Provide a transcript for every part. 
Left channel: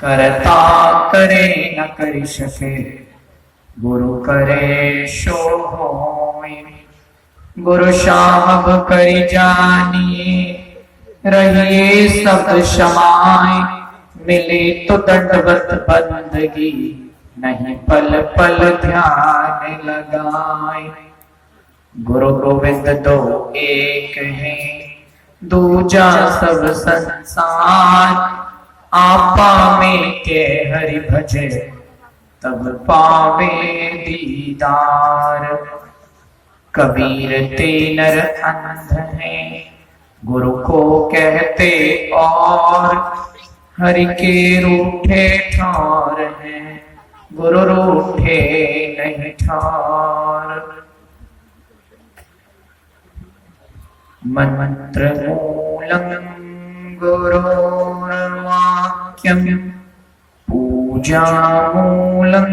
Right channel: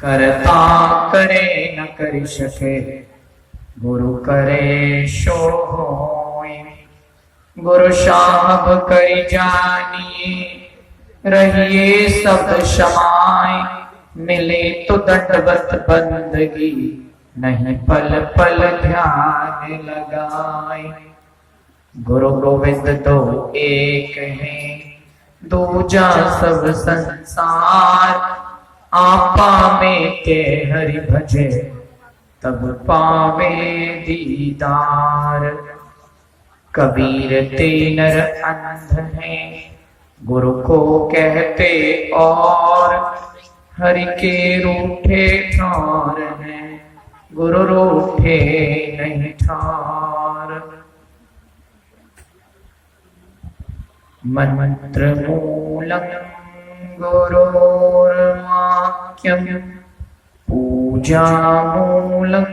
करता करे न कर सके, गुरु करे सो होय। गुरु साहब कर जानिए, रहिए सब समाय। मिले तो दंडवत बंदगी, नहीं पल पल ध्यान लगाए। गुरु गोविंद दो एक हैं, दूजा सब संसार। आपा में के हरि भजे, तब पावे दीदार। कबीर ते नर अंध हैं, गुरु को कहते और। हरि के रूठे ठार हैं, गुरु रूठे नहीं ठार। मंत्र मूलम गुरोर्वाक्यम, पूजा मूलम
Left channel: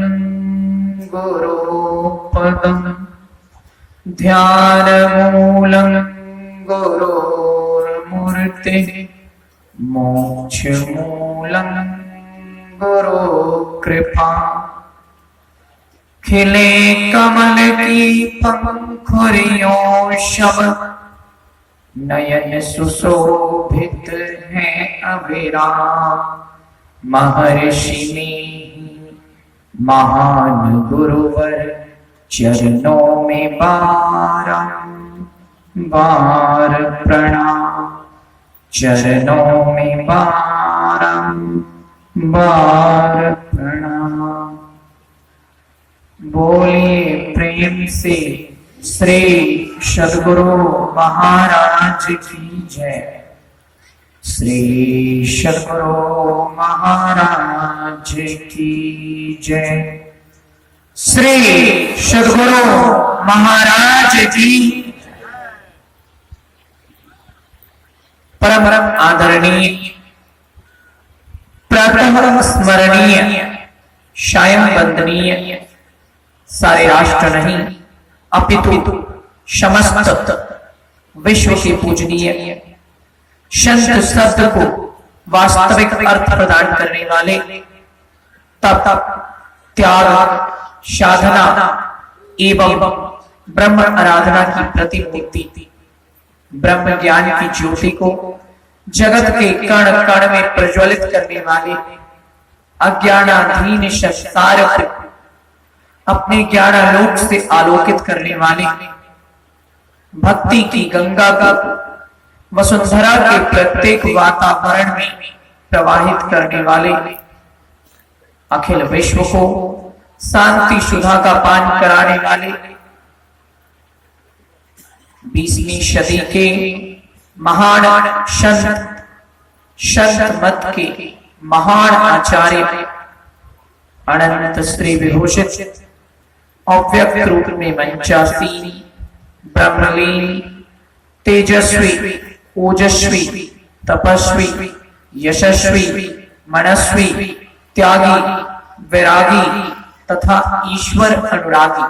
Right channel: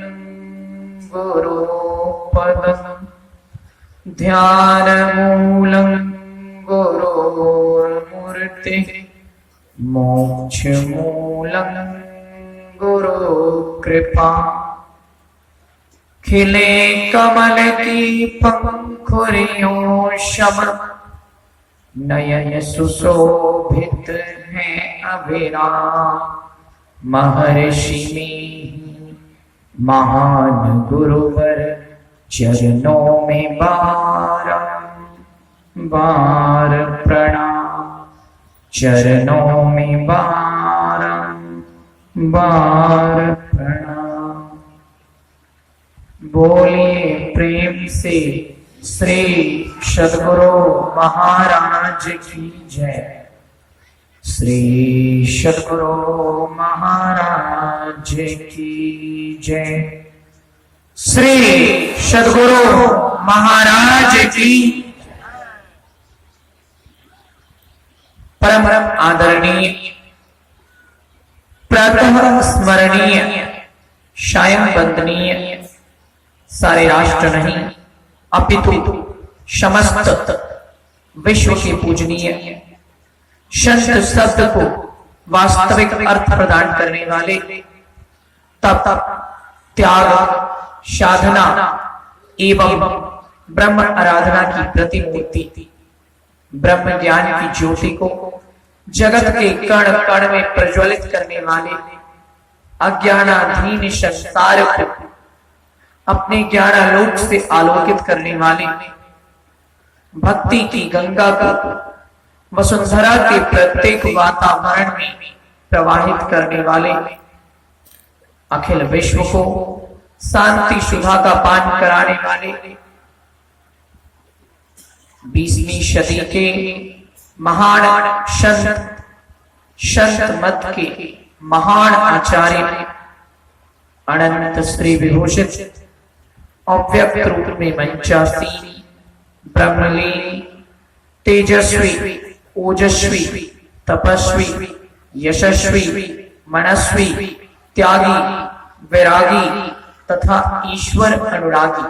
गुरुपदम। ध्यान मूलम गुरोर्मूर्ति, मोक्ष मूलम गुरु कृपा। खिले कमल की पंखुरियों शब, नयन सुशोभित है अविराम। महर्षि में महान गुरुवर, चरणों में बारंबार प्रणाम। चरणों में बारंबार प्रणाम। बोलिए प्रेम से श्री सद्गुरु महाराज की जय। श्री सद्गुरु महाराज की जय। श्री सद्गुरु महाराज की। परम आदरणीय, प्रातः स्मरणीय, सायं वंदनीय, सारे राष्ट्र नहीं अपितु समस्त विश्व के पूजनीय संत शब्द को वास्तविक अर्थ प्रदान करने वाले, तप त्याग साधना एवं ब्रह्म आराधना की प्रतिमूर्ति, ब्रह्म ज्ञान की ज्योति को जगत के कण कण में प्रज्वलित करने वाले, अज्ञानाधीन संसार को अपने ज्ञानालोक से आलोकित करने वाले, भक्ति की गंगा को वसुंधरा के प्रत्येक वातावरण में प्रवाहित करने वाले, अखिल विश्व को शांति सुधा का पान कराने वाले, 20वीं सदी के महान संत मत के महान आचार्य, अनंत श्री विभूषित अव्यक्त रूप में मंचासीन, ब्रह्मलीन, तेजस्वी, ओजस्वी, तपस्वी, यशस्वी, मनस्वी, त्यागी, वैरागी तथा ईश्वर अनुरागी,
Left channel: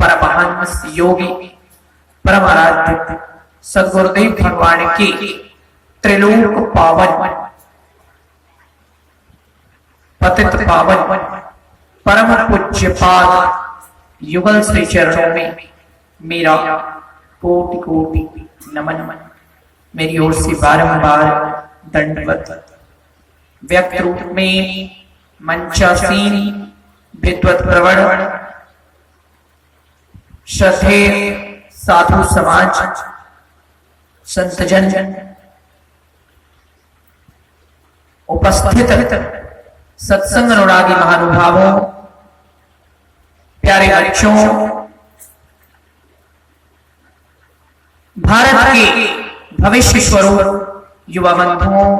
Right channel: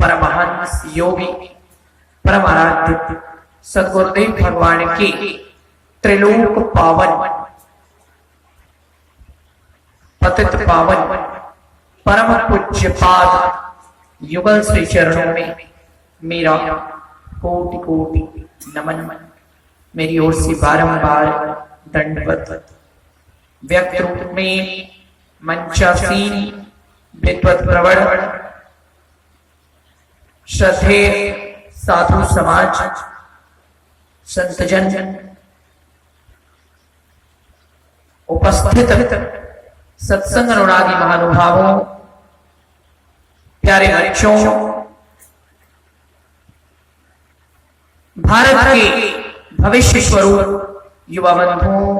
परमहंस योगी, परम आराध्य सद्गुरुदेव भगवान के त्रिलोक पावन, पतित पावन, परम पूज्य पाद युगल श्री चरणों में मेरा कोटि कोटि नमन। मेरी ओर से बारंबार दंडवत। व्यक्त रूप में मंचासीन, विद्वत प्रवण, श्रद्धेय साधु समाज, संतजन, उपस्थित सत्संग अनुरागी महानुभावों, प्यारे बच्चों, भारत के भविष्य स्वरूप युवा बंधुओं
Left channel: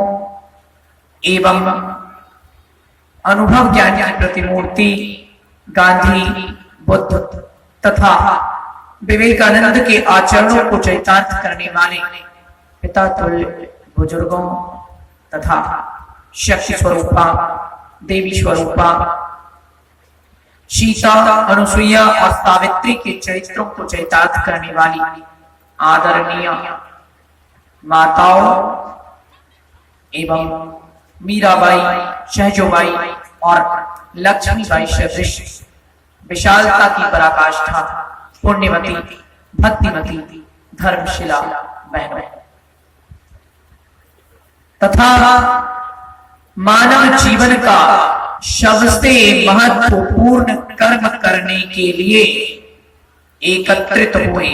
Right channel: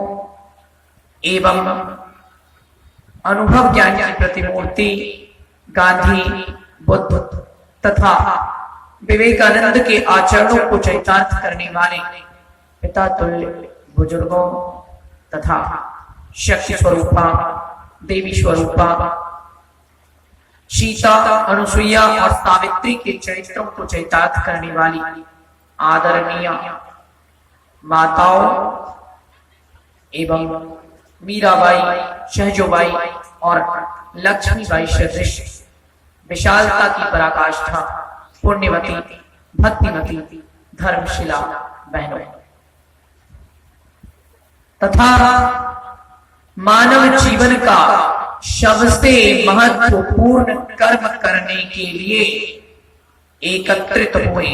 एवं अनुभव ज्ञान की प्रतिमूर्ति गांधी, बुद्ध तथा विवेकानंद के आचरणों को चरितार्थ करने वाले पिता तुल्य बुजुर्गों तथा शक्ति स्वरूपा, देवी स्वरूपा सीता, अनुसुईया और सावित्री के चरित्रों को चरितार्थ करने वाली आदरणीय माताओं एवं मीराबाई शहजोबाई और लक्ष्मीबाई सदृश विशालता की पराकाष्ठा पुण्यवती भक्तिमती धर्मशिला बहनों तथा मानव जीवन का सबसे महत्वपूर्ण कर्म करने के लिए एकत्रित हुए,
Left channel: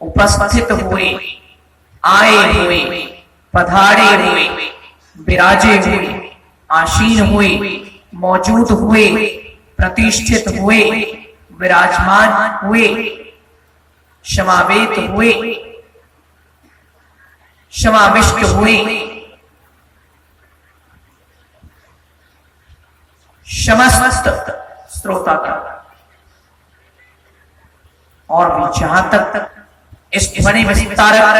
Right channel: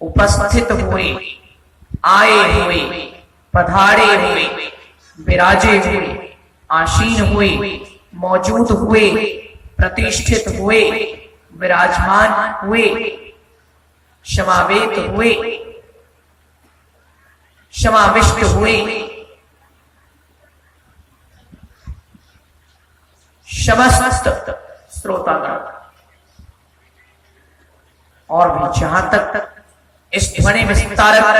उपस्थित हुए, आए हुए, पधारे हुए, विराजे हुए, आसीन हुए, मौजूद हुए, प्रतिष्ठित हुए, विराजमान हुए, समावेत हुए, समाविष्ट हुए, समस्त श्रोतागण और भी जहां तक इस ध्वनि विस्तारक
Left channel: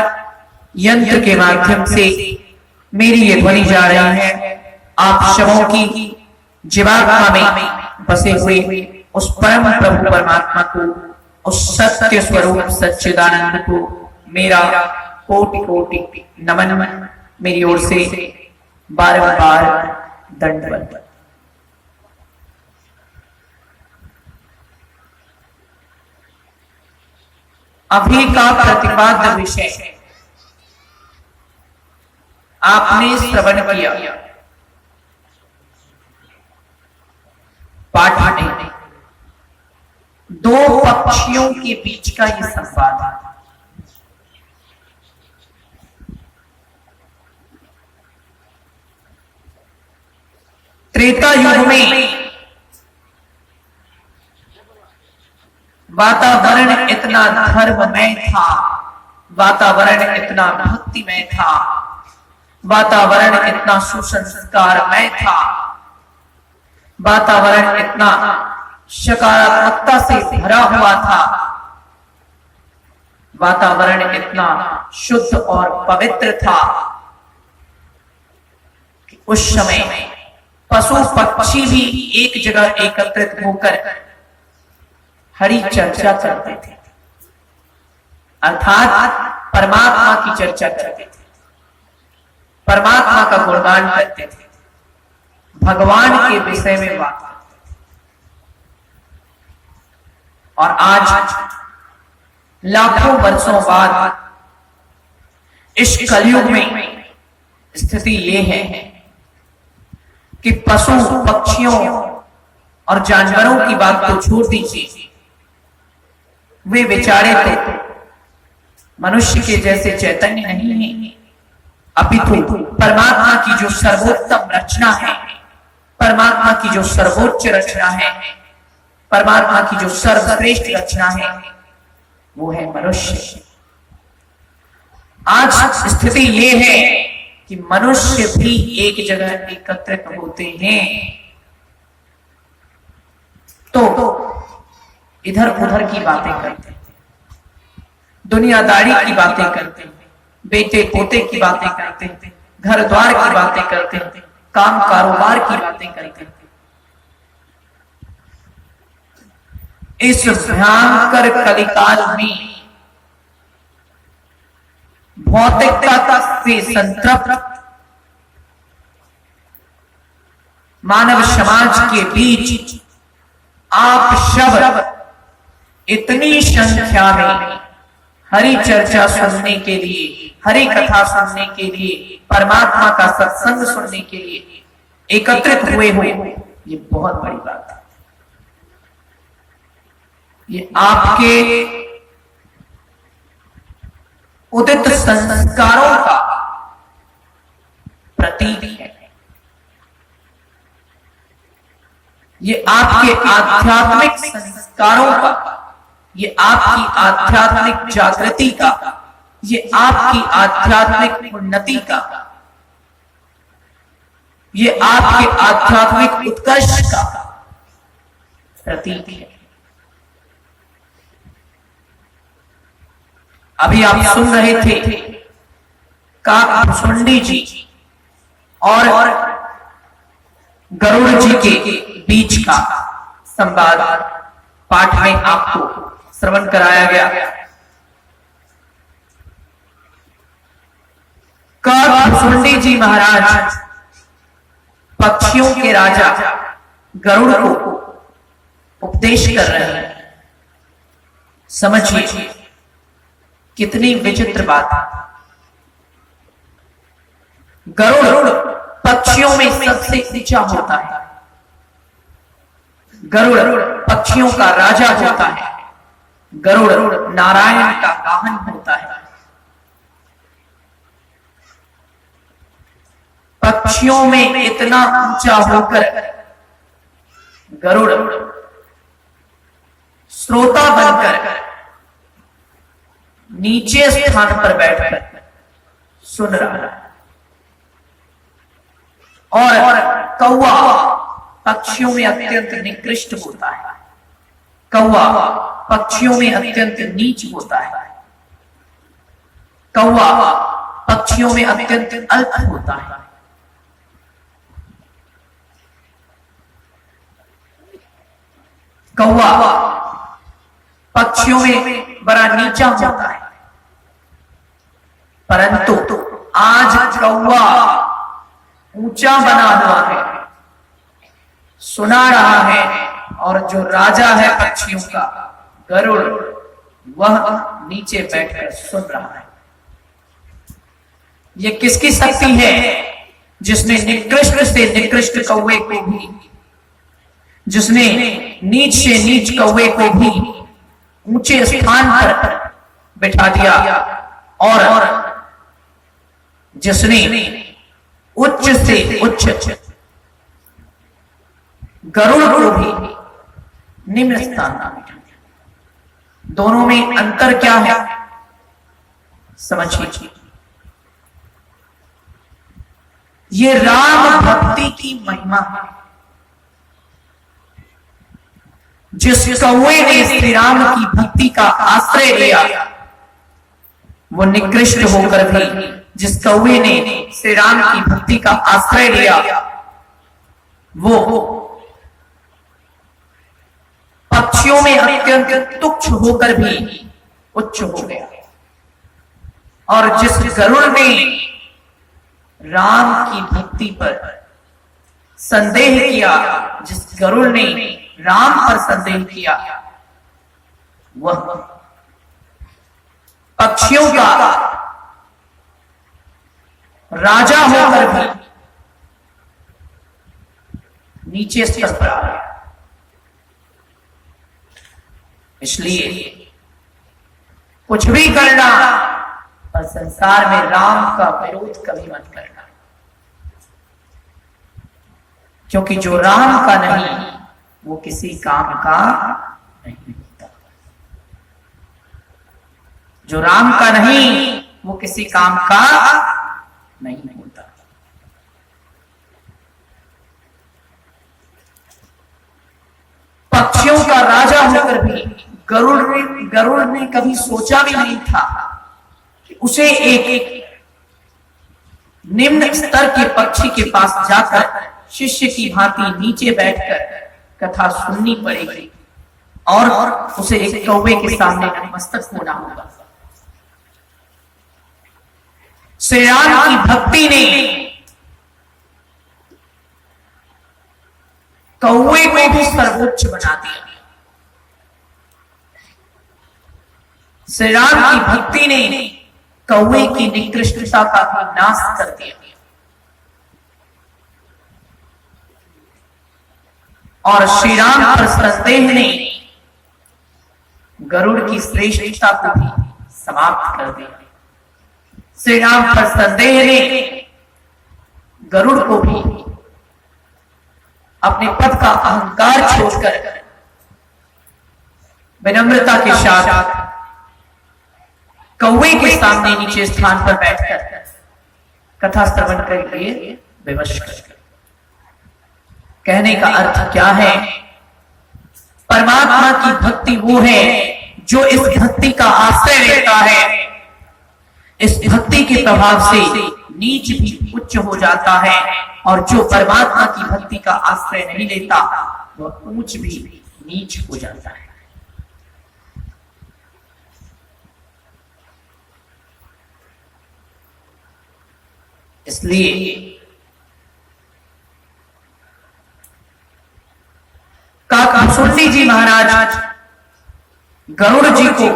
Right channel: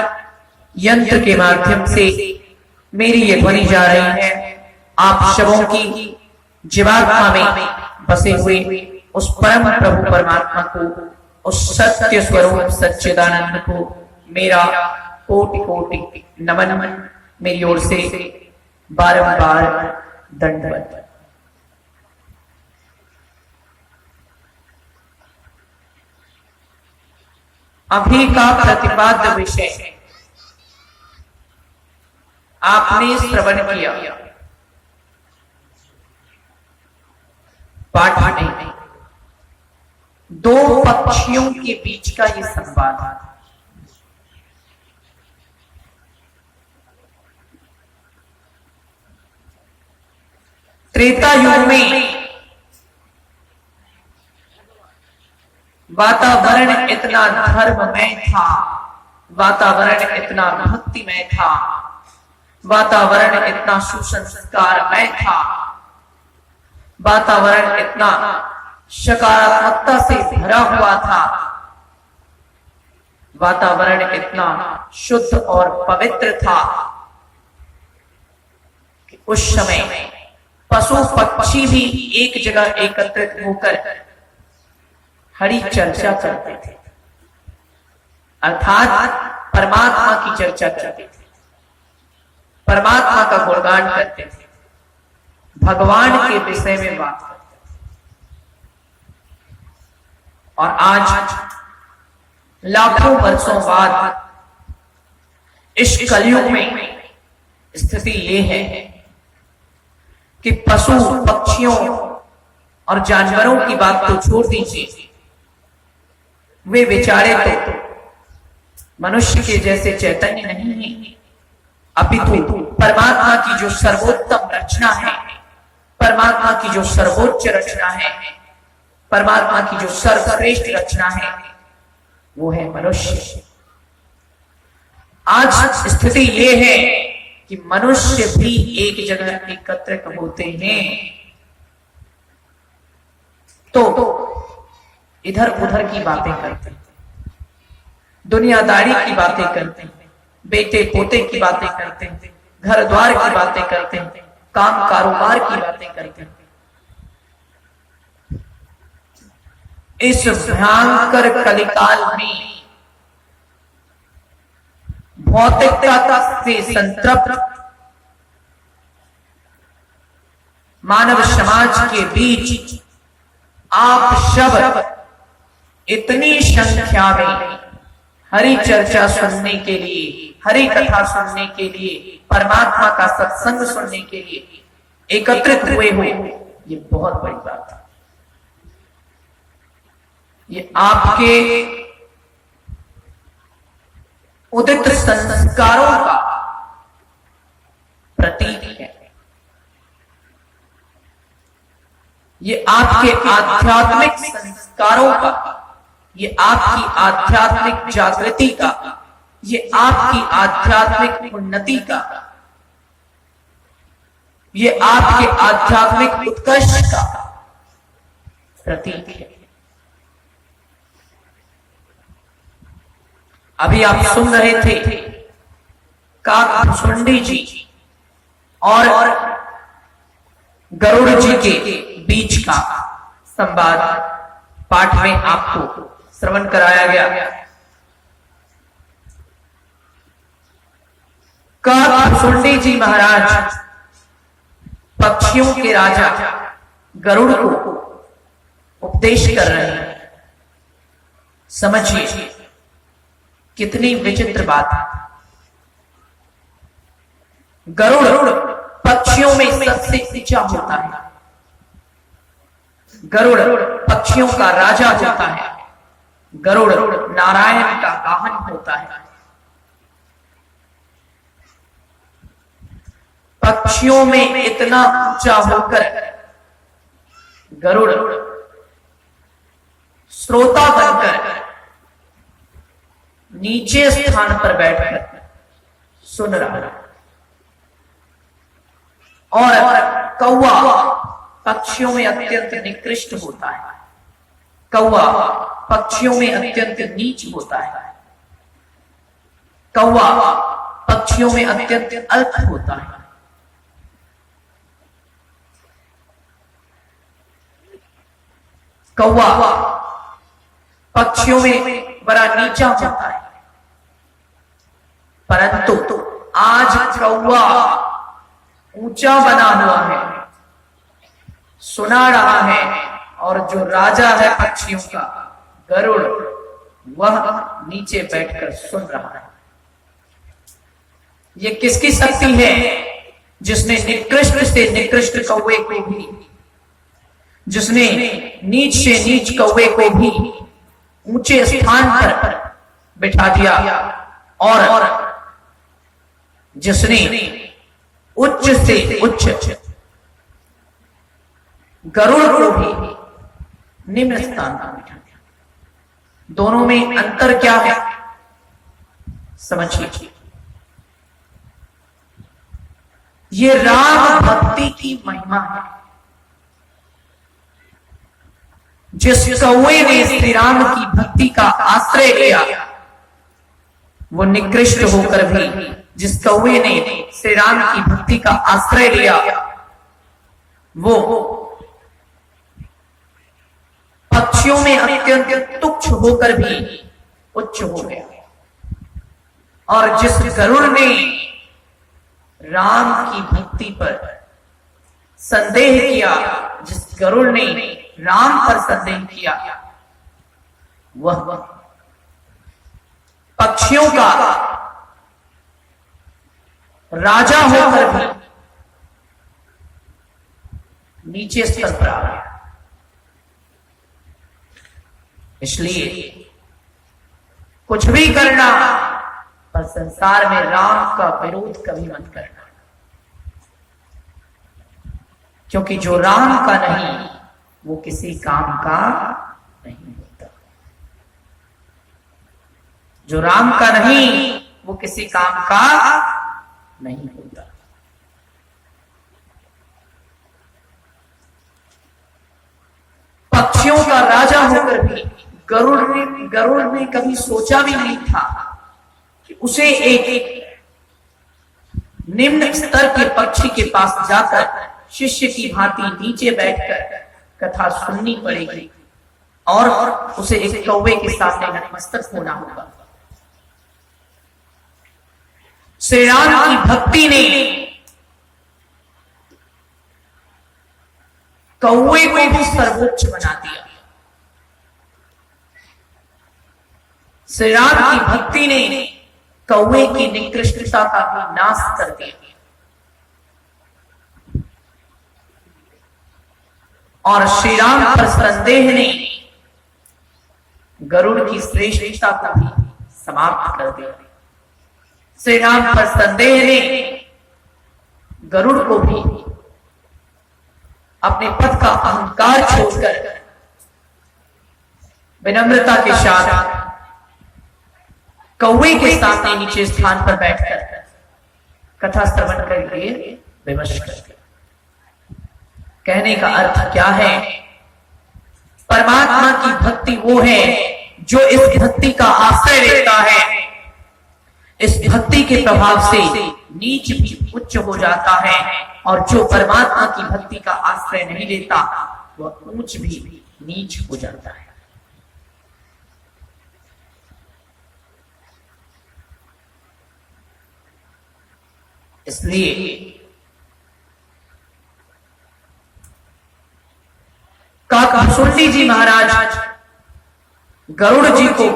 यंत्र के माध्यम से मेरी ये ध्वनि जा रही है, आप सबों की जीवात्मा में बसे हुए उस परम प्रभु परमात्मा को, उस सत्य स्वरूप सच्चिदानंद को मेरा कोटि कोटि नमन मेरी ओर से बारंबार दंडवत। अभी का प्रतिपाद्य विषय आपने श्रवण किया, पाठ नहीं, दो पक्षियों के बीच का ये संवाद है। त्रेता युग में वातावरण इतना धर्ममय था, वातावरण इतना भक्तिमय था, वातावरण इतना सुसंस्कारमय था, वातावरण इतना सकारात्मकता से भरा हुआ था, वातावरण इतना शुद्ध और पवित्र था कि उस समय पशु पक्षी भी एक जगह एकत्रित होकर हरि चर्चा करते थे, अर्थात परमात्मा की चर्चा करते थे, परमात्मा का गुणगान करते थे, भगवान के विषय में बात करते थे। और आज लाखों वर्षों बाद इस कलयुग में स्थिति ये है कि पशु पक्षियों और जानवरों की बात को छोड़ दीजिए, वे बेचारे तो मनुष्य के जैसे चैतन्य नहीं है, अपितु परमात्मा की जो सर्वोत्तम रचना है, परमात्मा की जो सर्वोच्च रचना है, परमात्मा की जो सर्वश्रेष्ठ रचना है, वो है मनुष्य। आज स्थिति ये है कि मनुष्य भी एक जगह एकत्रित होते हैं तो इधर उधर की बातें करते हैं, दुनियादारी की बातें करते हैं, बेटे पोते की बातें करते हैं, घर द्वार की बातें करते हैं, काम कारोबार की बातें करते हैं। इस भयंकर कलिकाल में भौतिकता से संतृप्त मानव समाज के बीच आप सब इतनी संख्या में हरि चर्चा सुनने के लिए, हरि कथा सुनने के लिए, परमात्मा का सत्संग सुनने के लिए एकत्रित हुए हुए, ये बहुत बड़ी बात है। ये आपके उदित संस्कारों का प्रतीक है, ये आपके आध्यात्मिक संस्कारों का, ये आपकी आध्यात्मिक जागृति का, ये आपकी आध्यात्मिक उन्नति का, ये आपके आध्यात्मिक उत्कर्ष का प्रतीक है। अभी आप सुन रहे थे काकभुसुंडी जी और गरुड़ जी के बीच का संवाद पाठ में आपको श्रवण कराया गया। काकभुसुंडी जी महाराज पक्षियों के राजा गरुड़ को उपदेश कर रहे हैं। समझिए कितनी विचित्र बात है। गरुड़ पक्षियों में सबसे ऊंचा होता है। गरुड़ पक्षियों का राजा होता है। गरुड़ नारायण का वाहन होता है। पक्षियों में इतना ऊंचा होकर गरुड़ श्रोता बनकर नीचे स्थान पर बैठकर सुन रहा है। और कौवा पक्षियों में अत्यंत निकृष्ट होता है। कौवा पक्षियों में अत्यंत नीच होता है। कौवा पक्षियों में अत्यंत अल्प होता है। कौवा पक्षियों में बड़ा नीचा होता है। परंतु आज कौवा ऊंचा बना हुआ है, सुना रहा है, और जो राजा है पक्षियों का गरुड़, वह नीचे बैठकर सुन रहा है। यह किसकी शक्ति है जिसने निकृष्ट से निकृष्ट कौवे को भी, जिसने नीच से नीच कौवे को भी ऊंचे स्थान पर बिठा दिया, और जिसने उच्च से उच्च गरुड़ को भी निम्न स्थान पर बिठा दिया। दोनों में अंतर क्या है समझिए। ये राम भक्ति की महिमा है। जिस कौवे ने श्री राम की भक्ति का आश्रय लिया, वो निकृष्ट होकर भी, जिस कौवे ने श्री राम की भक्ति का आश्रय लिया, वो पक्षियों में अत्यंत तुच्छ होकर भी उच्च हो गया। और जिस गरुड़ ने राम की भक्ति पर संदेह किया, जिस गरुड़ ने राम पर संदेह किया, वह पक्षियों का राजा होकर भी नीचे स्तर पर आ गया। इसलिए कुछ भी करना, पर संसार में राम का विरोध कभी मत करना, क्योंकि जो राम का नहीं वो किसी काम का नहीं होता। जो राम का नहीं वो किसी काम का नहीं होता। पक्षियों का राजा होकर भी गरुड़ ने कभी सोचा भी नहीं था कि उसे एक निम्न स्तर के पक्षी के पास जाकर शिष्य की भांति नीचे बैठकर कथा सुननी पड़ेगी, और उसे एक कौवे के सामने नतमस्तक होना होगा। श्री राम की भक्ति ने कौवे को भी सर्वोच्च बना दिया। श्री राम की भक्ति ने कौवे की निकृष्टता का भी नाश कर दिया, और श्री राम पर संदेह ने गरुड़ की श्रेष्ठता को भी समाप्त कर दिया। श्री राम पर संदेह ने गरुड़ को भी अपने पद का अहंकार छोड़कर विनम्रता के साथ कौवे के सामने नीचे स्थान पर बैठकर कथा श्रवण करके विवश कर। कहने का अर्थ क्या है? परमात्मा की भक्ति वो है जो इस भक्ति का आश्रय लेता है। इस भक्ति के प्रभाव से नीच भी उच्च हो जाता है, और जो परमात्मा की भक्ति का आश्रय नहीं लेता वह ऊंच भी नीच हो जाता है। इसलिए वासुकी जी महाराज गरुड़ जी को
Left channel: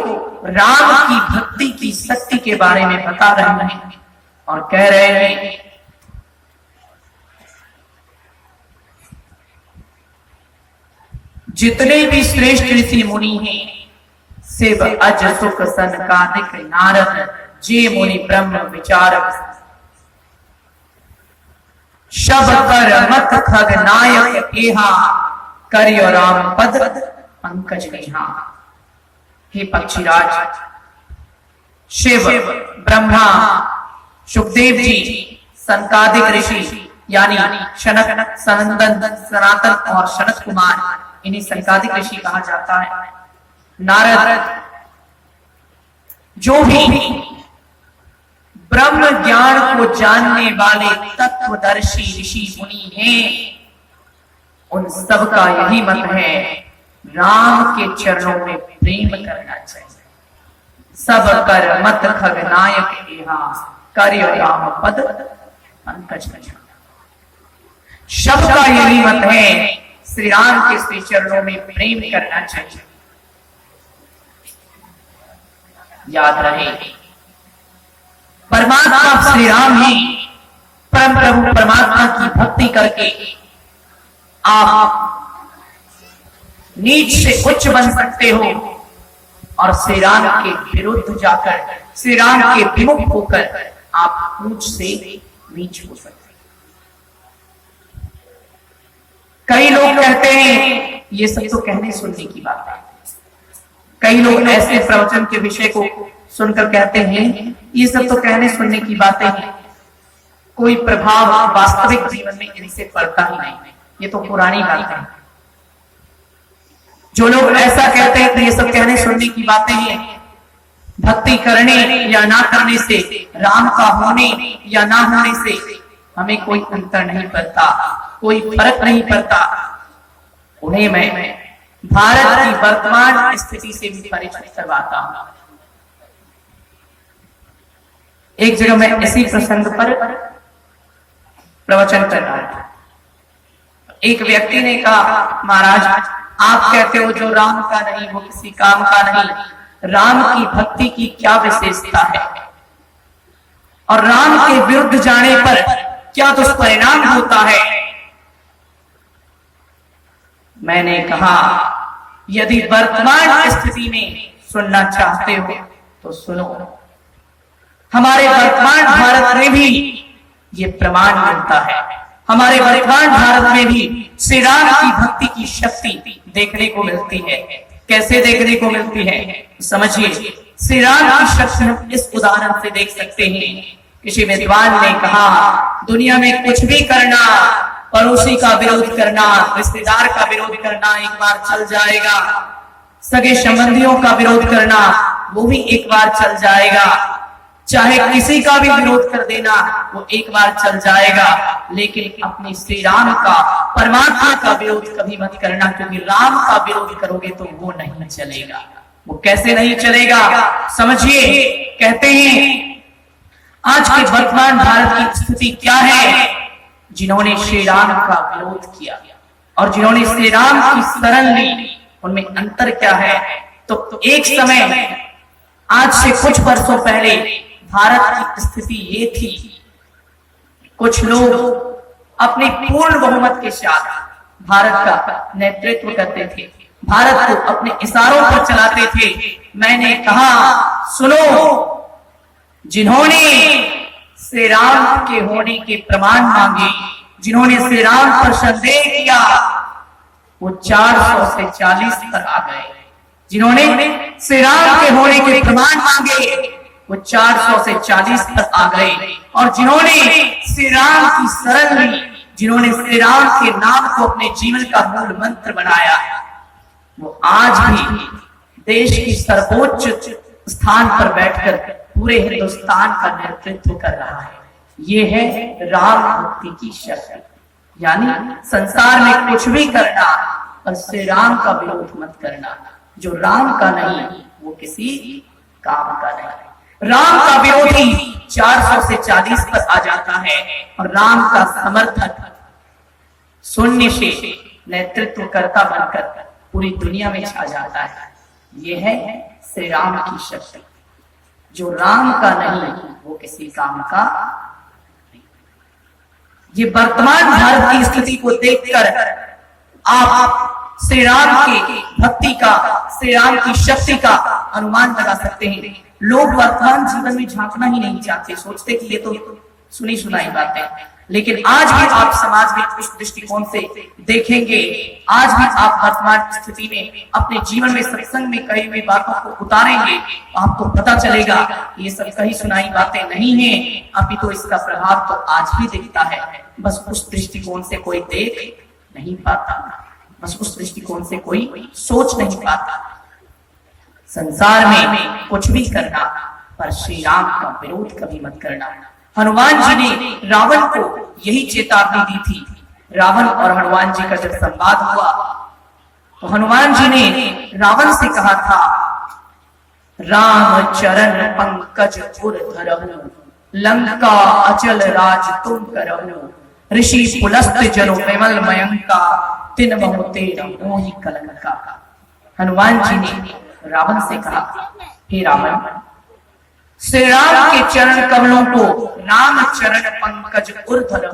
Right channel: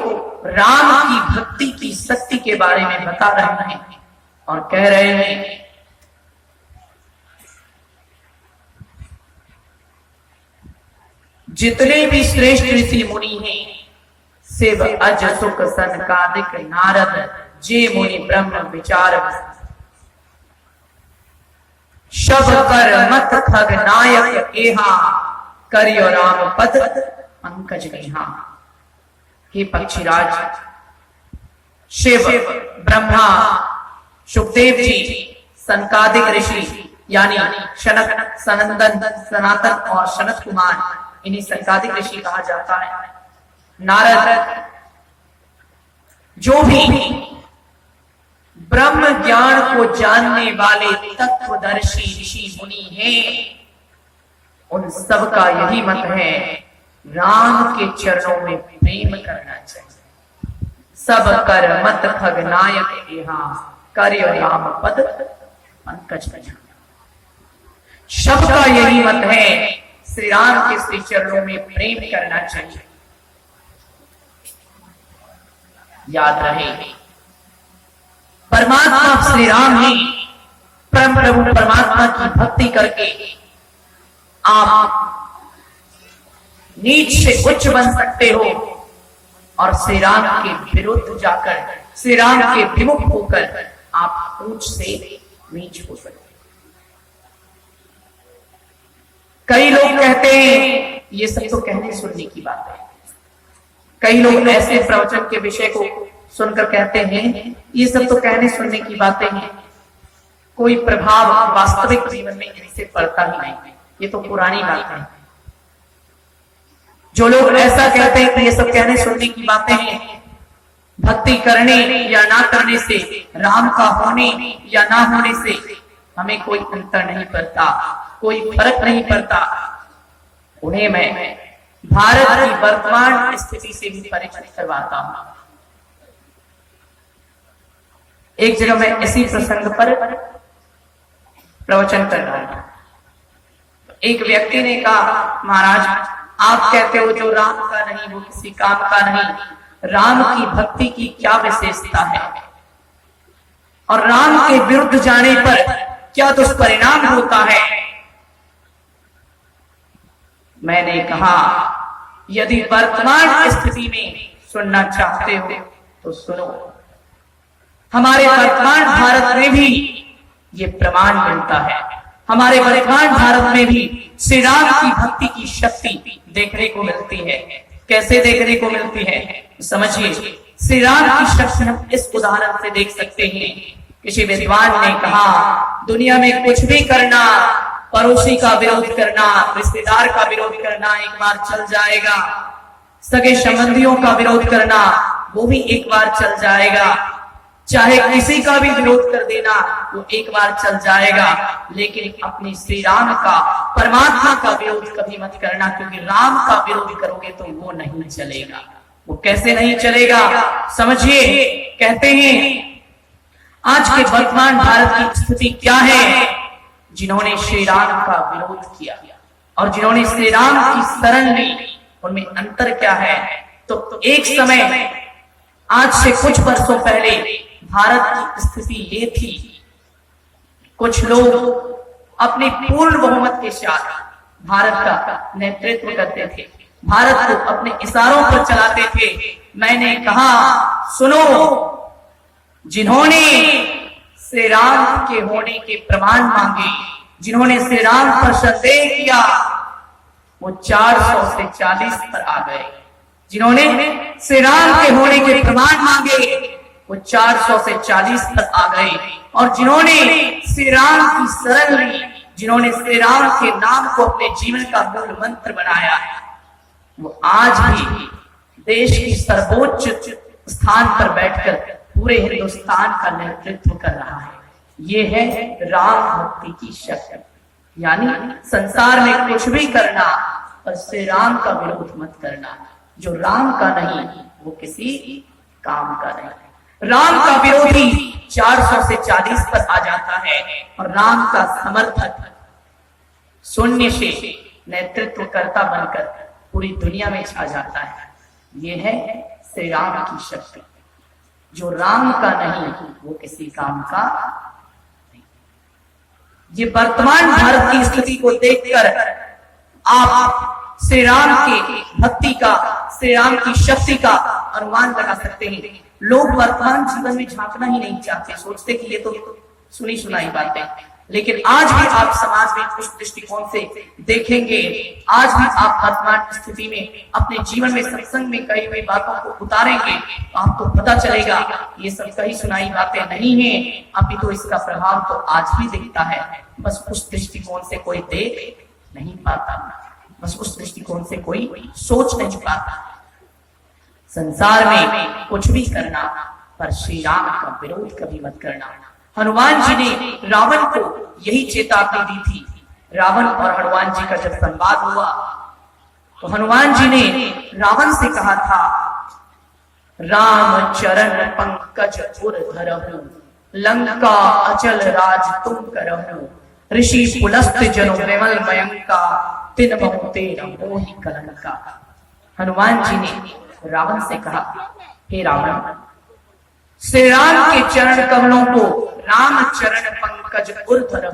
राम की भक्ति की शक्ति के बारे में बता रहे हैं और कह रहे हैं जितने भी श्रेष्ठ ऋषि मुनि हैं शिव अज सुख सनकादिक नारद जे मुनि ब्रह्म विचारक शब कर मत खग नायक एहा करियो राम पद पंकज नेहा। हे पक्षीराज, शिव, ब्रह्मा, सुखदेव जी, सनकादिक ऋषि यानी शनक, सनंदन, सनातन और सनत कुमार, इन्हीं सनकादिक ऋषि कहा जाता है। नारद, जो भी ब्रह्म ज्ञान को जानने वाले तत्वदर्शी ऋषि मुनि हैं, उन सबका यही मत है राम के चरणों में प्रेम करना चाहिए। सब कर मत खग नायक एहा करियो राम पद पंकज नेहा। सबका यही मत है श्री राम के श्री चरणों में प्रेम करना चाहिए। याद रहे परमात्मा श्री राम ही परम प्रभु परमात्मा की भक्ति करके आप नीच से उच्च बन सकते हो और श्री राम के विरुद्ध जाकर, श्री राम के विमुख होकर आप ऊंच से नीच हो सकते हैं। कई लोग कहते हैं ये सब तो कहने सुनने की बात है। कई लोग ऐसे प्रवचन के विषय को सुनकर कहते हैं ये सब तो कहने सुनने की बातें हैं, कोई प्रभाव वास्तविक जीवन में इनसे पड़ता ही नहीं, ये तो पुरानी बातें हैं। जो लोग ऐसा कहते हैं कि ये सब कहने सुनने की बातें हैं, भक्ति करने या ना करने से, राम का होने या ना होने से हमें कोई अंतर नहीं पड़ता, कोई फर्क नहीं पड़ता, उन्हें मैं भारत की वर्तमान स्थिति से भी परिचित करवाता हूं। एक जगह मैं इसी प्रसंग पर प्रवचन कर रहा था। एक व्यक्ति ने कहा, महाराज आप कहते हो जो राम का नहीं वो किसी काम का नहीं, राम की भक्ति की क्या विशेषता है और राम के विरुद्ध जाने पर क्या दुष्परिणाम होता है? मैंने कहा यदि वर्तमान स्थिति में सुनना चाहते हो तो सुनो। हमारे वर्तमान भारत में भी ये प्रमाण मिलता है। हमारे वर्तमान भारत में भी श्री राम की भक्ति की शक्ति देखने को मिलती है। कैसे देखने को मिलती है समझिए। श्री राम की शक्ति हम इस उदाहरण से देख सकते हैं। किसी विद्वान ने कहा दुनिया में कुछ भी करना, पड़ोसी का विरोध करना, रिश्तेदार का विरोध करना एक बार चल जाएगा, सगे संबंधियों का विरोध करना वो भी एक बार चल जाएगा, चाहे किसी का भी विरोध कर देना वो एक बार चल जाएगा, लेकिन अपने श्री राम का, परमात्मा का विरोध कभी मत करना, क्योंकि राम का विरोध करोगे तो वो नहीं चलेगा। वो कैसे नहीं चलेगा समझिए। कहते हैं आज के वर्तमान भारत की स्थिति क्या है? जिन्होंने श्री राम का विरोध किया और जिन्होंने श्री राम की शरण ली, उनमें अंतर क्या है? तो एक समय आज से कुछ वर्षों पहले भारत की स्थिति ये थी, कुछ लोग अपने पूर्ण बहुमत के साथ भारत का नेतृत्व करते थे, भारत को अपने इशारों पर चलाते थे। मैंने कहा सुनो, जिन्होंने श्री राम के होने के प्रमाण मांगे, जिन्होंने श्री राम पर संदेह किया, वो 400 से 40 पर आ गए। जिन्होंने श्री राम के होने के प्रमाण मांगे वो 400 से 40 तक आ गए। और जिन्होंने श्री राम की शरण ली, जिन्होंने श्री राम के नाम को अपने जीवन का मूल मंत्र बनाया, वो आज भी देश की सर्वोच्च स्थान पर बैठकर पूरे हिंदुस्तान का नेतृत्व कर रहा है। ये है राम भक्ति की शक्ति। यानी संसार में कुछ भी करना और श्री राम का विरोध मत करना। जो राम का नहीं वो किसी काम का नहीं। राम का विरोधी 400 से 40 पर आ जाता है और राम का समर्थक शून्य से नेतृत्व करता बनकर पूरी दुनिया में छा जाता है। ये है श्री राम की शक्ति। जो राम का नहीं वो किसी काम का नहीं। ये वर्तमान भारत की स्थिति को देखकर आप श्री राम की भक्ति का, श्री राम की शक्ति का अनुमान लगा सकते हैं। लोग वर्तमान जीवन में झांकना ही नहीं चाहते, सोचते कि ये तो सुनी सुनाई बातें, लेकिन आज भी आप समाज में इस दृष्टिकोण से देखेंगे, आज भी आप वर्तमान स्थिति में अपने जीवन में सत्संग में कही हुई बातों को उतारेंगे, आपको पता चलेगा ये सब कही सुनाई बातें नहीं है, अभी तो इसका प्रभाव तो आज भी दिखता है। बस उस दृष्टिकोण से कोई देख नहीं पाता, बस उस दृष्टिकोण से कोई सोच नहीं पाता। संसार में कुछ भी करना, पर श्री राम का विरोध कभी मत करना। हनुमान जी ने रावण को यही चेतावनी दी थी। रावण और हनुमान जी का जब संवाद हुआ तो हनुमान जी ने रावण से कहा था, राम चरण पंकज उर धरहु, लंका अचल राज तुम करहु, ऋषि पुलस्त जनो विमल मयंका, तिन बहुते मोहि कलंका। हनुमान जी ने रावण से कहा, हे रावण, श्री राम के चरण कमलों को राम चरण पंकज उर्धर,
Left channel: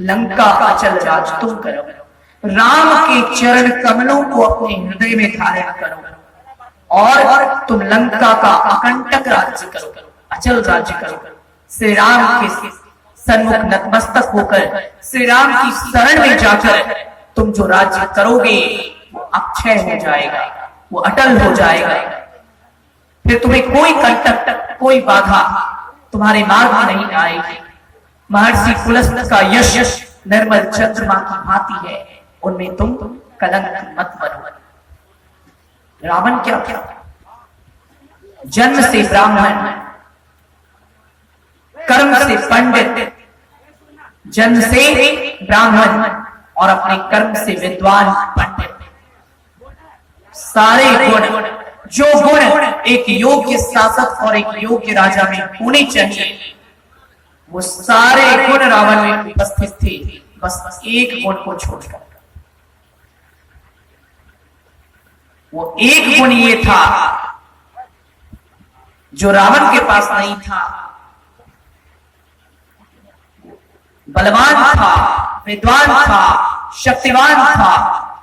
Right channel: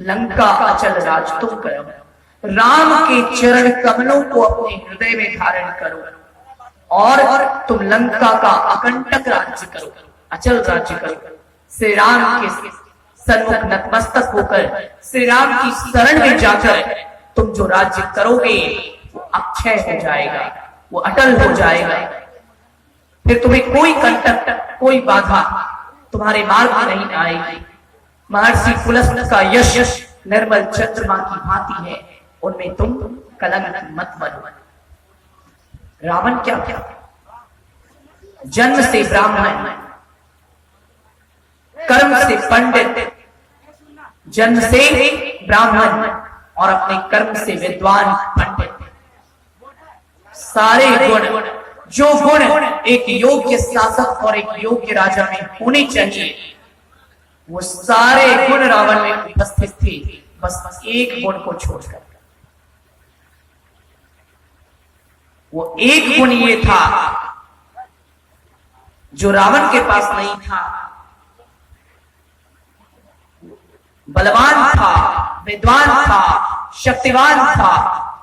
लंका अचल राज तुम करो। राम के चरण कमलों को अपने हृदय में धारण करो और तुम लंका का अकंटक राज्य करो, अचल राज्य करो। श्री राम के सन्मुख नतमस्तक होकर, श्री राम की शरण में जाकर तुम जो राज्य करोगे वो अक्षय हो जाएगा, वो अटल हो जाएगा। फिर तुम्हें कोई कंटक, कोई बाधा तुम्हारे मार्ग में नहीं आएगी। महर्षि पुलस्त का यश निर्मल चंद्रमा की भांति है, उनमें तुम कलंक मत बनो। रावण क्या था? जन्म से ब्राह्मण, कर्म से पंडित, जन्म से ब्राह्मण और अपने कर्म से विद्वान पंडित। सारे गुण, जो गुण एक योग्य शासक और एक योग्य राजा में होने चाहिए, वो सारे गुण रावण में उपस्थित थे, बस एक गुण को छोड़कर। वो एक गुण ये था जो रावण के पास नहीं था। बलवान था, विद्वान था, शक्तिवान था,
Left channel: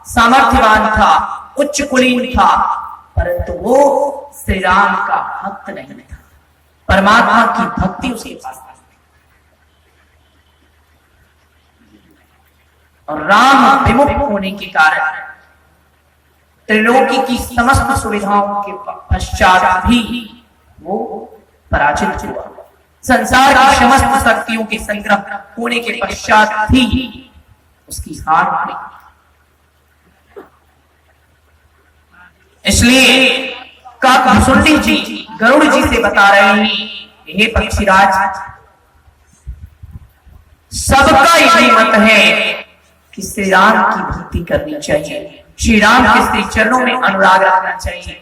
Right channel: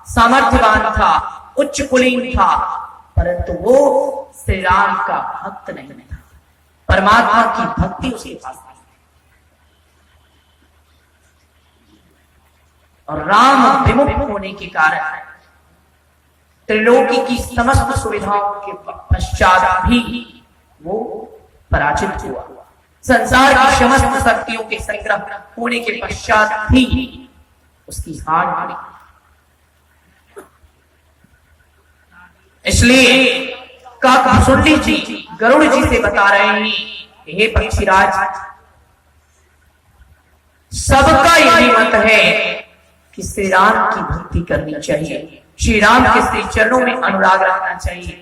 सामर्थ्यवान था, उच्च कुलीन था, परंतु वो श्री राम का भक्त नहीं था। परमात्मा की भक्ति उसके पास नहीं। और राम विमुख होने के कारण त्रिलोकी की समस्त सुविधाओं के पश्चात भी वो पराजित हुआ। संसार की समस्त शक्तियों के संग्रह होने के पश्चात भी उसकी हार हुई। इसलिए काकभूषुंडी जी गरुड़ जी से बता रहे हैं, हे पक्षीराज, सबका यही मत है कि श्री राम की भक्ति करनी चाहिए, श्री राम के श्री चरणों में अनुराग रखना चाहिए।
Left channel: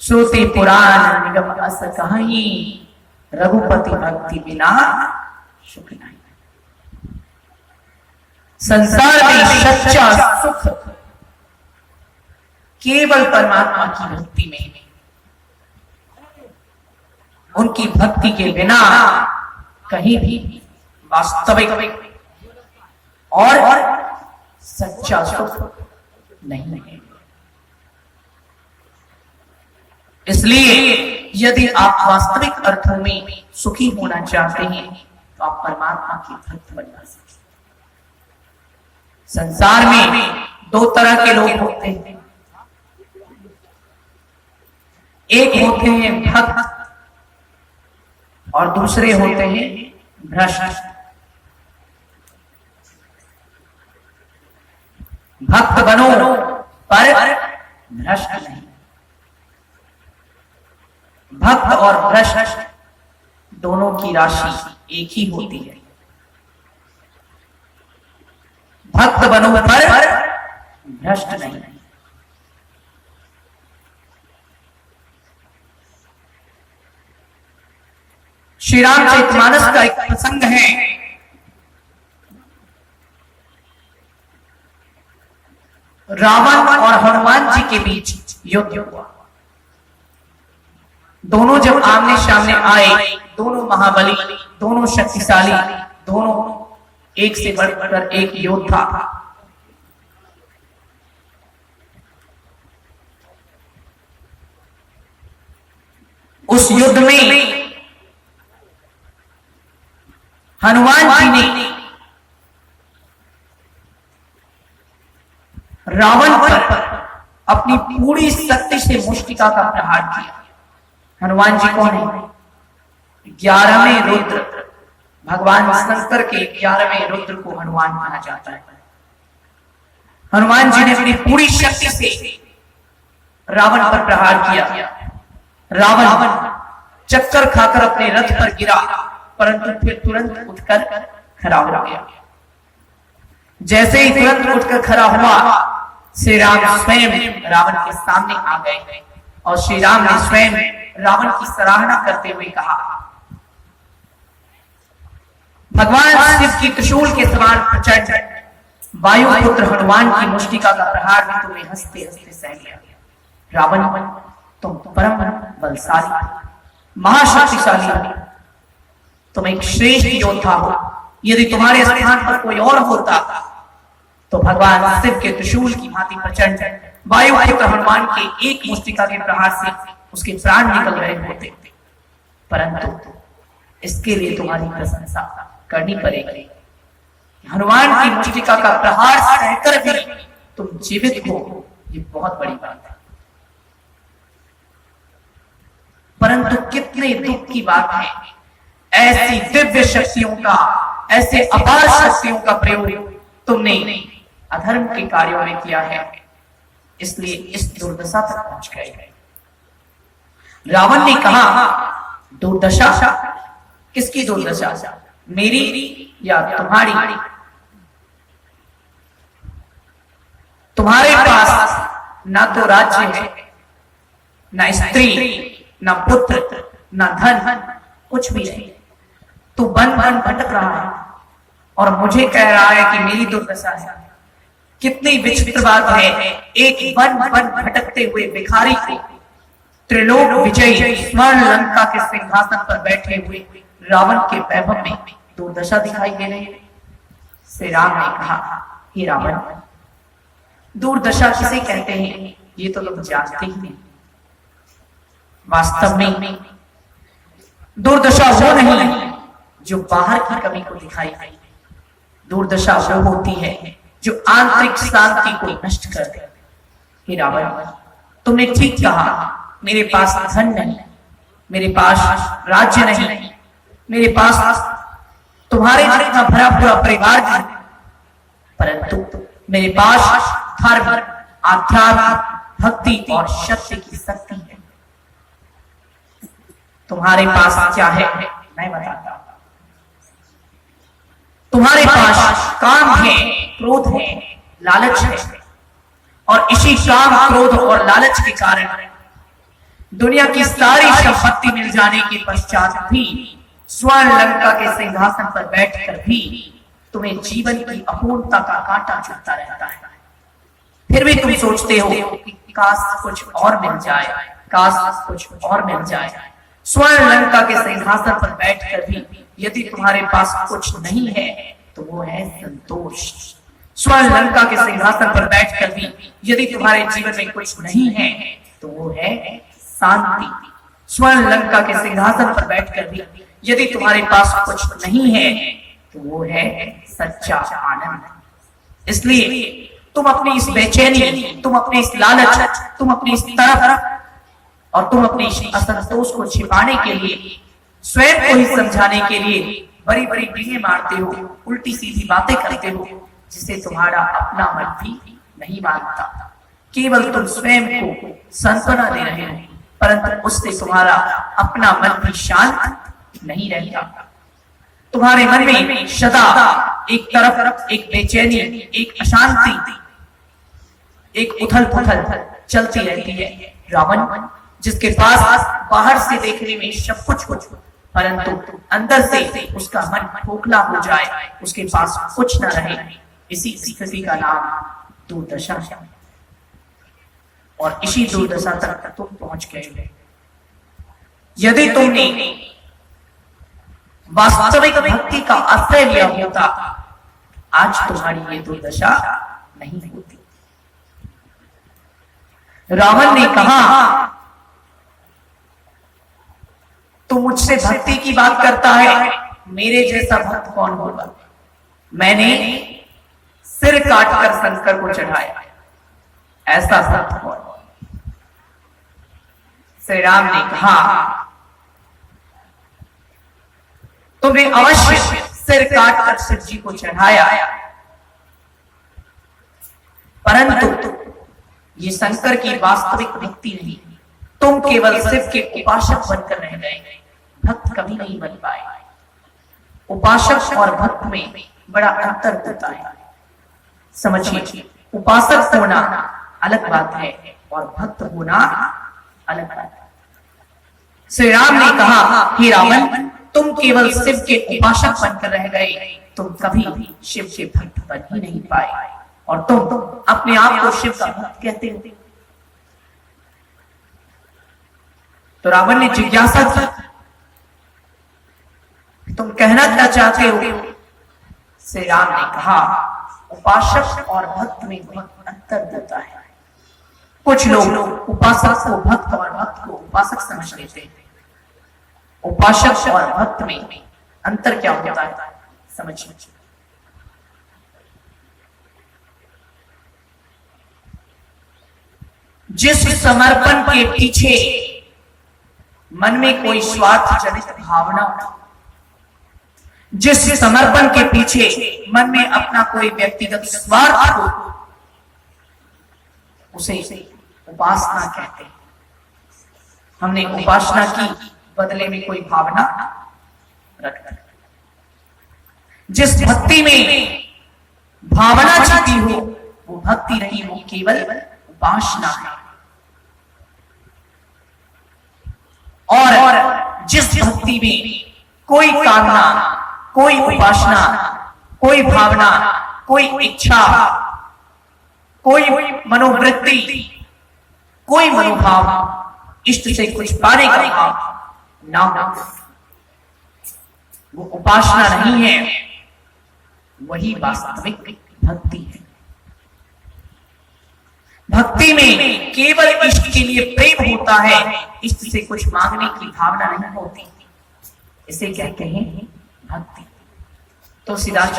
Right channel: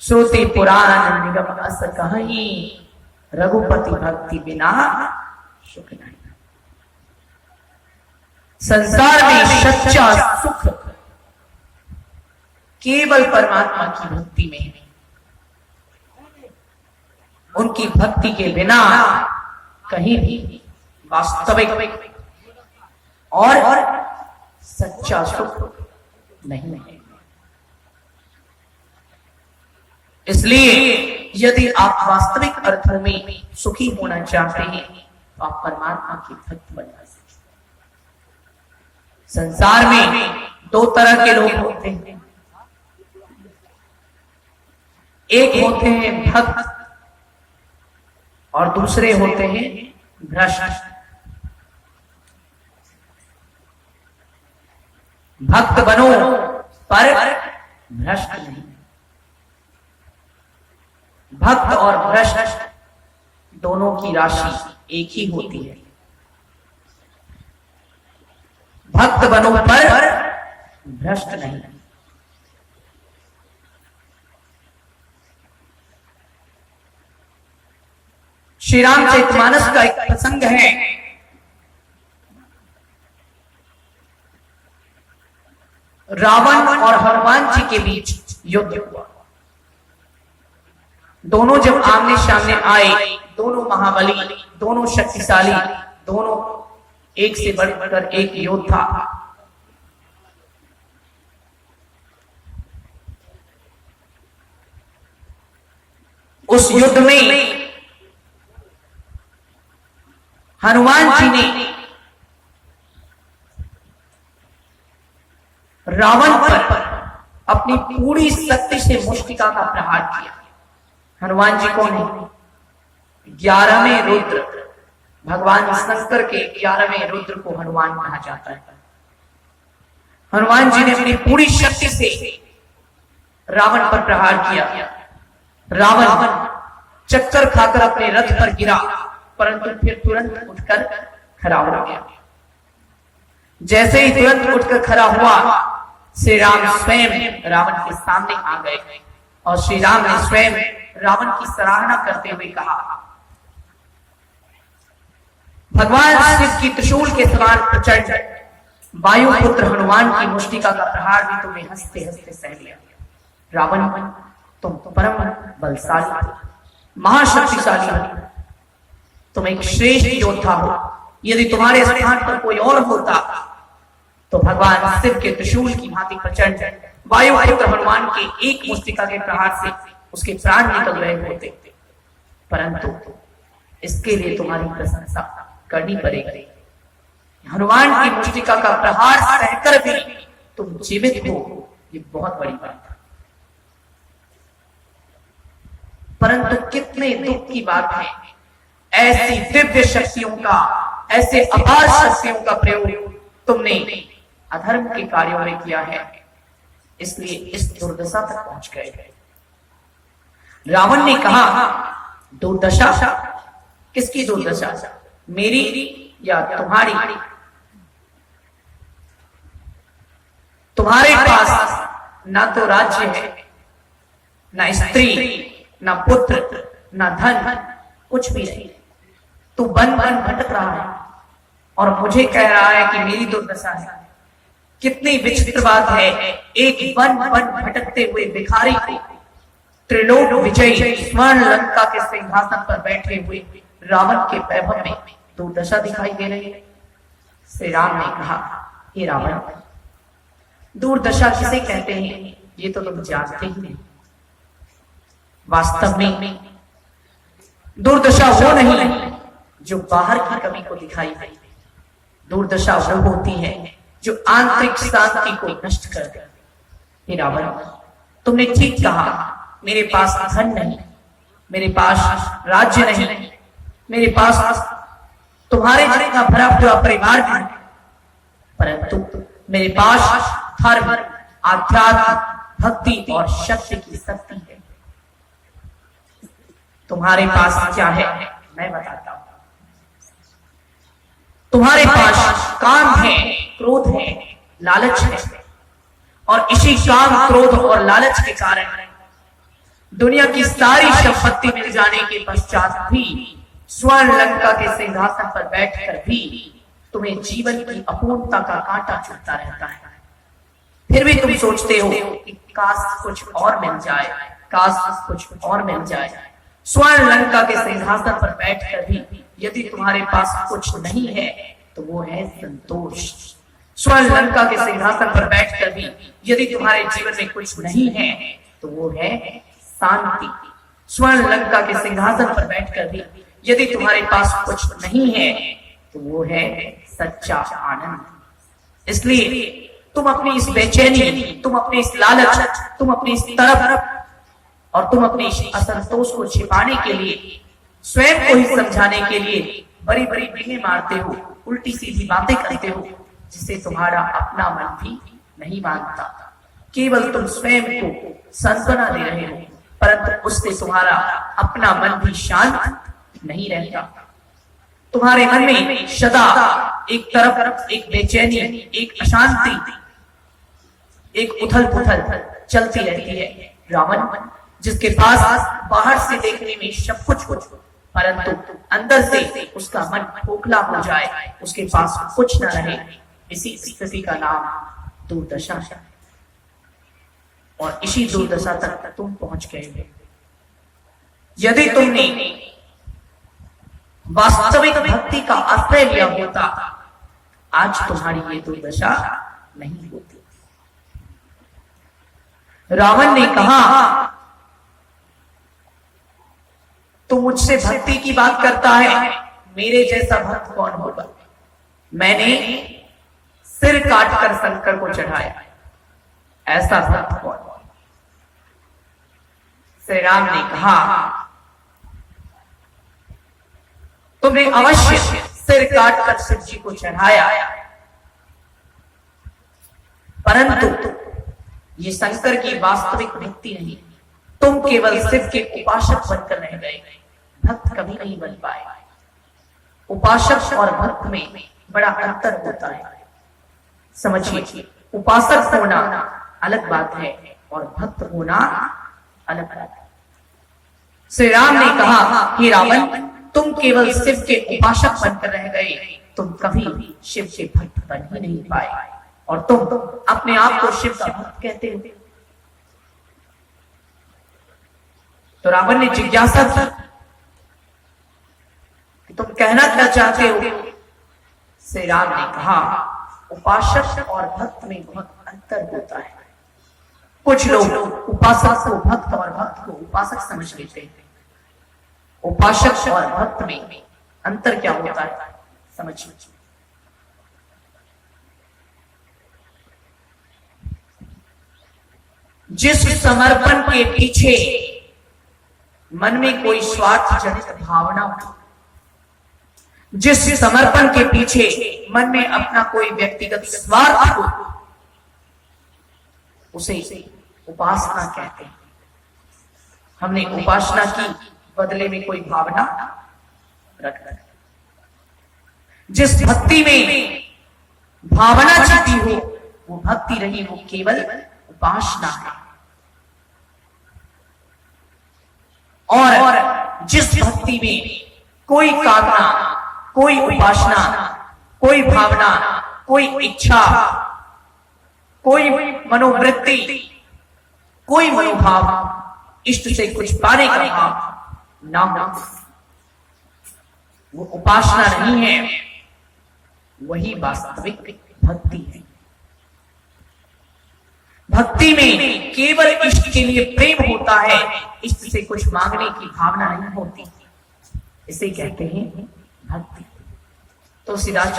श्रुति पुराण निगम अस कहीं, रघुपति भक्ति बिना सुख नहीं। संसार में सच्चा सुख केवल परमात्मा की भक्ति में है। उनकी भक्ति के बिना कहीं भी वास्तविक और सच्चा सुख नहीं है। इसलिए यदि आप वास्तविक अर्थों में सुखी होना चाहते हैं तो आप परमात्मा की भक्त बनना सकते। संसार में दो तरह के लोग होते हैं, एक होते हैं भक्त और दूसरे होते हैं भ्रष्ट। भक्त बनो पर भ्रष्ट नहीं। भक्त और भ्रष्ट दोनों की राशि एक ही होती है। भक्त बनो पर भ्रष्ट नहीं। श्री रामचरितमानस का एक प्रसंग है। रावण और हनुमान जी के बीच युद्ध हुआ। दोनों जब आमने सामने आए, दोनों महाबली, दोनों शक्तिशाली, दोनों एक से बढ़कर एक योद्धा। उस युद्ध में हनुमान जी ने रावण पर अपनी पूरी शक्ति से मुष्टिका का प्रहार किया। हनुमान जी कौन है? 11वें रुद्र, भगवान शंकर के 11वें रुद्र को हनुमान कहा जाता है। हनुमान जी ने अपनी पूरी शक्ति से रावण पर प्रहार किया। रावण चक्कर खाकर अपने रथ पर गिरा, परंतु फिर तुरंत उठकर खड़ा हो गया। जैसे ही तुरंत उठकर खड़ा हुआ, श्री राम स्वयं रावण के सामने आ गए और श्री राम ने स्वयं रावण की सराहना करते हुए कहा, भगवान शिव की त्रिशूल के समान प्रचंड वायुपुत्र हनुमान की मुष्टिका का प्रहार भी तुम्हें हंसते हंसते सह लिया। रावण, तुम परम बलशाली, महाशक्तिशाली हो, तुम एक श्रेष्ठ योद्धा हो। यदि तुम्हारे स्थान पर कोई और होता तो भगवान शिव के त्रिशूल की भांति प्रचंड वायुपुत्र हनुमान के एक मुष्टिका के प्रहार से उसके प्राण निकल रहे होते, परंतु इसके लिए तुम्हारी प्रशंसा करनी पड़ेगी। हनुमान की मुष्टिका का प्रहार सहकर भी तुम जीवित हो, ये बहुत बड़ी बात है। परंतु कितने दुख की बात है, ऐसी दिव्य शक्तियों का, ऐसे अपार शक्तियों का प्रयोग तुमने अधर्म के कार्यों में किया है, इसलिए इस दुर्दशा तक पहुंच गए। रावण ने कहा, दुर्दशा? किसकी दुर्दशा? मेरी या तुम्हारी? तुम्हारे पास ना तो राज्य है, ना स्त्री, ना पुत्र, ना धन, कुछ भी नहीं। तू बन बन भटक रहा है और मुझे कह रहा है कि मेरी दुर्दशा है। कितनी विचित्र बात है, एक बन बन भटकते हुए भिखारी को त्रिलोक विजयी स्वर्ण लंका के सिंहासन पर बैठे हुए रावण के वैभव में दुर्दशा दिखाई दे रही है। श्री राम ने कहा, हे रावण, दुर्दशा किसे कहते हैं ये तो तुम जानते ही नहीं। वास्तव में दुर्दशा वो नहीं जो बाहर की कमी को दिखाई दे, दुर्दशा वो होती है जो आंतरिक शांति को नष्ट कर दे। हे रावण, तुमने ठीक कहा, मेरे पास धन नहीं, मेरे पास राज्य नहीं, मेरे पास तुम्हारे जितना भरा पूरा परिवार नहीं, परंतु मेरे पास धर्म, आध्यात्म, भक्ति और शक्ति की शक्ति है। तुम्हारे पास क्या है मैं बताता हूं। तुम्हारे पास काम है, क्रोध है, लालच है, और इसी काम, क्रोध और लालच के कारण दुनिया की सारी संपत्ति मिल जाने के पश्चात भी, स्वर्ण लंका के सिंहासन पर बैठकर भी तुम्हें जीवन की अपूर्णता का कांटा चुभता रहता है। फिर भी तुम सोचते हो कि काश कुछ और मिल जाए, काश कुछ और मिल जाए। स्वर्ण लंका के सिंहासन पर बैठकर भी यदि तुम्हारे पास कुछ नहीं है तो वो है संतोष। स्वर्ण लंका के सिंहासन पर बैठकर भी यदि तुम्हारे जीवन में कुछ नहीं है तो वो है शांति। स्वर्ण लंका के सिंहासन पर बैठकर भी यदि तुम्हारे पास कुछ नहीं है तो वो है सच्चा आनंद। इसलिए तुम अपनी इस बेचैनी, तुम अपने इस लालच, तुम अपनी इस तरफ और तुम अपने असंतोष को छिपाने के लिए, स्वयं को ही समझाने के लिए बड़ी बड़ी डींगे मारते हो, उल्टी सीधी बातें करते हो, जिसे तुम्हारा अपना मन भी नहीं मानता। केवल तुम स्वयं को सांत्वना दे रहे हो, परंतु उससे तुम्हारा अपना मन भी शांत नहीं रहता। तुम्हारे मन में सदा एक तरफ एक बेचैनी, एक अशांति, एक उथल पुथल चलती रहती है। रावण, जिसके पास बाहर से देखने में सब कुछ परंतु अंदर से उसका मन खोखला हो जाए, उसके पास कुछ न रहे, इसी स्थिति का नाम दुर्दशा है। और इसी दुर्दशा तक तुम पहुंच गए। यदि तुमने वास्तविक भक्ति का आश्रय लिया होता, आज तुम्हारी ये दुर्दशा नहीं होती। रावण ने कहा, तू मुझसे भक्ति की बात करता है, मेरे जैसा भक्त कौन होगा? मैंने सिर काटकर शंकर को चढ़ाया, ऐसा भक्त कौन? श्री राम ने कहा, तुमने अवश्य सिर काटकर शिव जी को चढ़ाया, परंतु ये शंकर की वास्तविक भक्ति नहीं। तुम केवल शिव के उपासक बनकर रह गए, भक्त कभी नहीं बन पाए। उपासक और भक्त में बड़ा अंतर होता है, समझिए। उपासक होना अलग बात है और भक्त होना अलग बात है। श्री राम ने कहा, हे रावण, तुम केवल शिव के उपासक बनकर रह गए, तुम कभी भी शिव के भक्त बन ही नहीं पाए, और तुम अपने आप को शिव का भक्त कहते हो। तो रावण ने जिज्ञासा की, तुम कहना क्या चाहते हो? श्री राम ने कहा, उपासक और भक्त में बहुत अंतर होता है। कुछ लोग उपासक को भक्त और भक्त को उपासक समझ लेते हैं। उपासक और भक्त में अंतर क्या होता है, समझिए। जिस समर्पण के पीछे मन में कोई स्वार्थ जनित भावना हो, जिस समर्पण के पीछे मन में अपना कोई व्यक्तिगत स्वार्थ हो, उसे उपासना कहते हैं। हमने उपासना की, बदले में कोई भावना रखना। जिस भक्ति में भावना छिपी हो, वो भक्ति नहीं, वो केवल उपासना है। और जिस भक्ति में कोई कामना, कोई उपासना, कोई भावना, कोई इच्छा, कोई मनोवृत्ति, कोई मनोभाव, इष्ट से कुछ पाने का भाव ना हो, वो उपासना नहीं है, वही वास्तविक भक्ति है। भक्ति में केवल इष्ट के लिए प्रेम होता है, इष्ट से कुछ मांगने की भावना नहीं होती। इसे कहते हैं भक्ति। तुलसीदास जी